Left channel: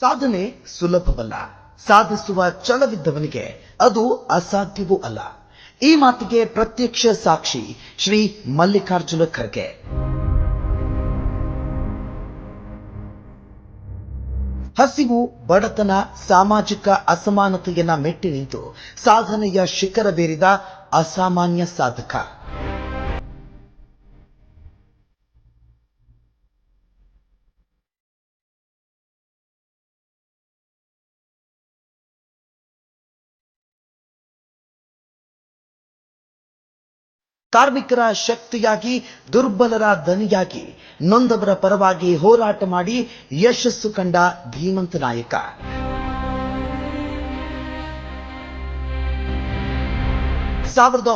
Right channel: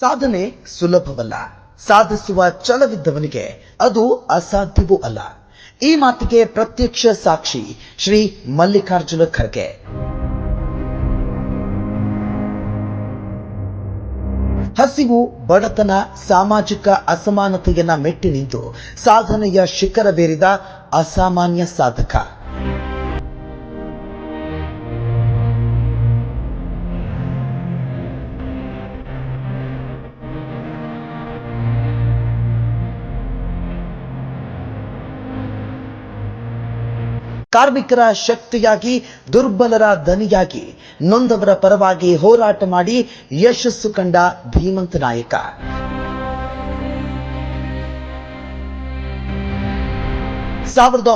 ಸಾಧನೆ ಸುಲಭವಲ್ಲ, ಸಾಧಿಸುವ ಛಲವಿದ್ದವನಿಗೆ ಅದು ಅಸಾಧ್ಯವೂ ಅಲ್ಲ. ಈ ಮಾತಿಗೆ ಪ್ರತ್ಯಕ್ಷ ಸಾಕ್ಷಿ ಶ್ರೀ ಮಲ್ಲಿಕಾರ್ಜುನ ಖರ್ಗೆ. ಹಸಿವು, ಬಡತನ, ಸಾಮಾಜಿಕ ಅಸಮಾನತೆಯನ್ನ ಮೆಟ್ಟಿ ನಿಂತು ಸಾಧನೆಯ ಶಿಖರವೇರಿದ ಅಸಾಮಾನ್ಯ ಸಾಧಕ. ಕಾರ್ಮಿಕರ ಶಕ್ತಿಯಾಗಿ, ದುರ್ಬಲರ ದನಿಯಾಗಿ, ನೊಂದವರ ಪರವಾಗಿ ಹೋರಾಟ ಮಾಡಿ ಯಶಸ್ಸು ಕಂಡ ಧೀಮಂತ ನಾಯಕ.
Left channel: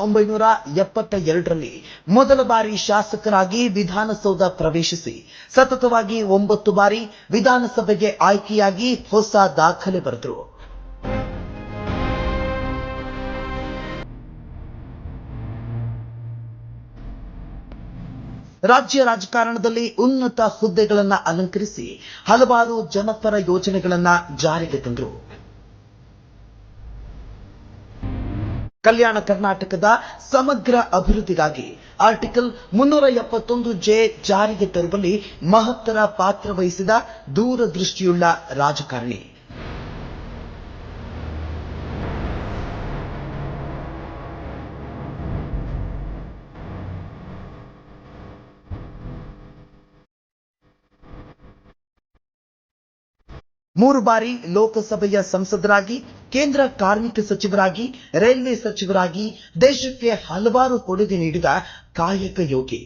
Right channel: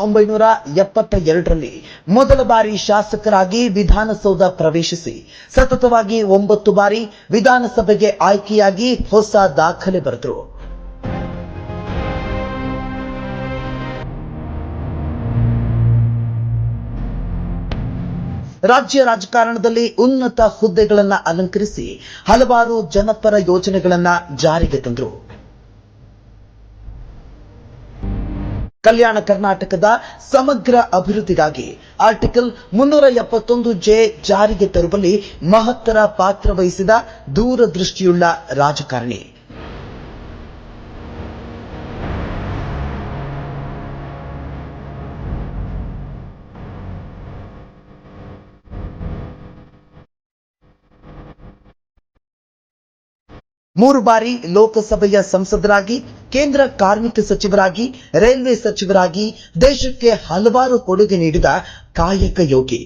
1972ರಲ್ಲಿ ಮೊದಲ ಬಾರಿ ಶಾಸಕರಾಗಿ ವಿಧಾನಸೌಧ ಪ್ರವೇಶಿಸಿ ಸತತವಾಗಿ 9 ಬಾರಿ ವಿಧಾನಸಭೆಗೆ ಆಯ್ಕೆಯಾಗಿ ಹೊಸ ದಾಖಲೆ ಬರೆದರು. ರಾಜ್ಯ ರಾಜಕಾರಣದಲ್ಲಿ ಉನ್ನತ ಹುದ್ದೆಗಳನ್ನು ಅಲಂಕರಿಸಿ ಹಲವಾರು ಜನಪರ ಯೋಜನೆಗಳನ್ನ ಜಾರಿಗೆ ತಂದರು. ಕಲ್ಯಾಣ ಕರ್ನಾಟಕದ ಸಮಗ್ರ ಅಭಿವೃದ್ಧಿಗಾಗಿ ಆರ್ಟಿಕಲ್ 371(j) ಜಾರಿಗೆ ತರುವಲ್ಲಿ ಮಹತ್ತರ ಪಾತ್ರ ವಹಿಸಿದ ದೂರದೃಷ್ಟಿಯುಳ್ಳ ರಾಜಕಾರಣಿ. ಮೂರು ಬಾರಿ ಲೋಕಸಭೆಯ ಸಂಸದರಾಗಿ, ಕೇಂದ್ರ ಕಾರ್ಮಿಕ ಸಚಿವರಾಗಿ, ರೈಲ್ವೆ ಸಚಿವರಾಗಿ ದೇಶಕ್ಕೆ ಹಲವಾರು ಕೊಡುಗೆ ನೀಡಿದ ಕಾಯಕ ಯೋಗಿ.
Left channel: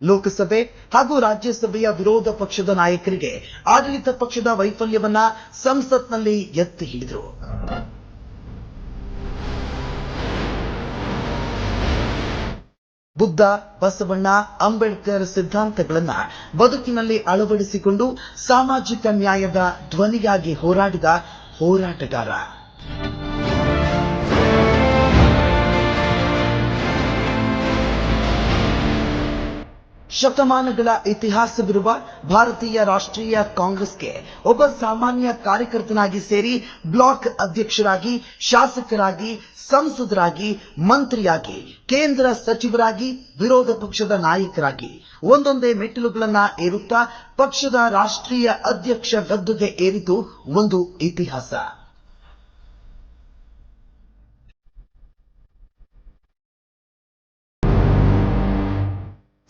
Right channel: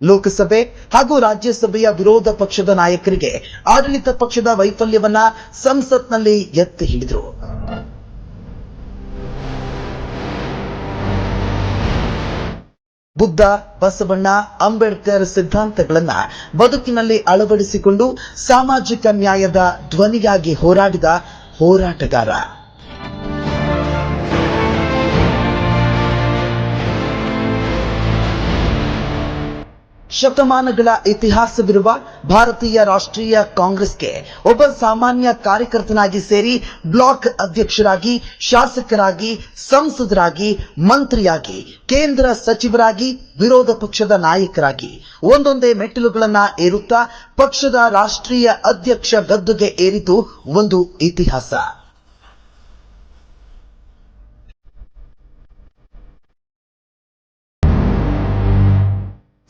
ಲೋಕಸಭೆ ಹಾಗೂ ರಾಜ್ಯಸಭೆಯ ವಿರೋಧ ಪಕ್ಷದ ನಾಯಕರಿಗೆ ಆಡಳಿತ ಪಕ್ಷದ ವೈಫಲ್ಯವನ್ನ ಸಂಸತ್ನಲ್ಲಿ ಎತ್ತಿ ಹಿಡಿದರು. ಬುದ್ಧ, ಬಸವಣ್ಣ, ಅಂಬೇಡ್ಕರ್ ಸಿದ್ಧಾಂತಗಳನ್ನ ಬದುಕಿನಲ್ಲಿ ಅಳವಡಿಸಿಕೊಂಡು ಸಾಮಾಜಿಕ ನ್ಯಾಯದ ಧ್ವನಿಯಾಗಿ ಹೋರಾಡಿದ ಹೋರಾಟಗಾರ. ಶತಮಾನಗಳ ಇತಿಹಾಸವಿರುವ ಭಾರತೀಯ ರಾಷ್ಟ್ರೀಯ ಕಾಂಗ್ರೆಸ್ಗೆ ಒಬ್ಬ ಸಾಮಾನ್ಯ ಕಾರ್ಯಕರ್ತನಾಗಿ ಸೇರಿ ಬ್ಲಾಕ್ ಅಧ್ಯಕ್ಷರಾಗಿ, ಶಾಸಕರಾಗಿ, ಸಂಸದರಾಗಿ, ಮಂತ್ರಿಯಾಗಿ, ಕೇಂದ್ರ ಸಚಿವರಾಗಿ, ವಿರೋಧ ಪಕ್ಷದ ನಾಯಕರಾಗಿ ಒಂದೊಂದೇ ಮೆಟ್ಟಿಲುಗಳನ್ನ ಏರುತ್ತಾ ಪಕ್ಷದ ರಾಷ್ಟ್ರೀಯ ಅಧ್ಯಕ್ಷ ಗದ್ದುಗೆ ಏರಿತು ಒಂದು ಇತಿಹಾಸ.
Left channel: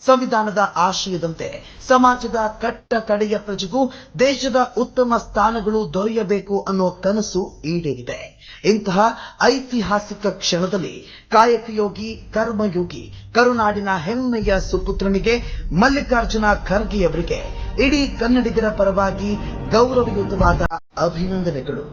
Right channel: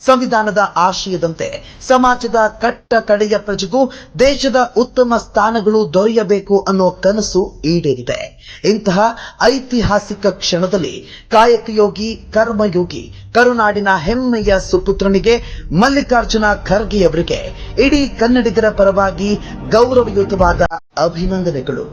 ಸಂವಿಧಾನದ ಆಶಯದಂತೆ ಸಮಾಜದ ಕಟ್ಟ ಕಡೆಯ ಪ್ರಜೆಗೂ ದೇಶದ ಉತ್ತಮ ಸ್ಥಾನಗಳು ದೊರೆಯಬೇಕು ಅನ್ನೋ ಕನಸು ಈಡೇರಿದೆ. ಇಂತಹ ಐತಿಹಾಸಿಕ ಕ್ಷಣದಲ್ಲಿ ಕಾಯಕಯೋಗಿ, ಕರ್ಮಯೋಗಿ, ಕರುನಾಡಿನ ಹೆಮ್ಮೆಯ ಸುಪುತ್ರನಿಗೆ ಮಲ್ಲಿಕಾರ್ಜುನ ಖರ್ಗೆಯವರಿಗೆ ಇಡೀ ಕನ್ನಡಿಗರ ಪರವಾಗಿ ಗೌರವಯುತವಾದ ಅಭಿನಂದನೆಗಳು.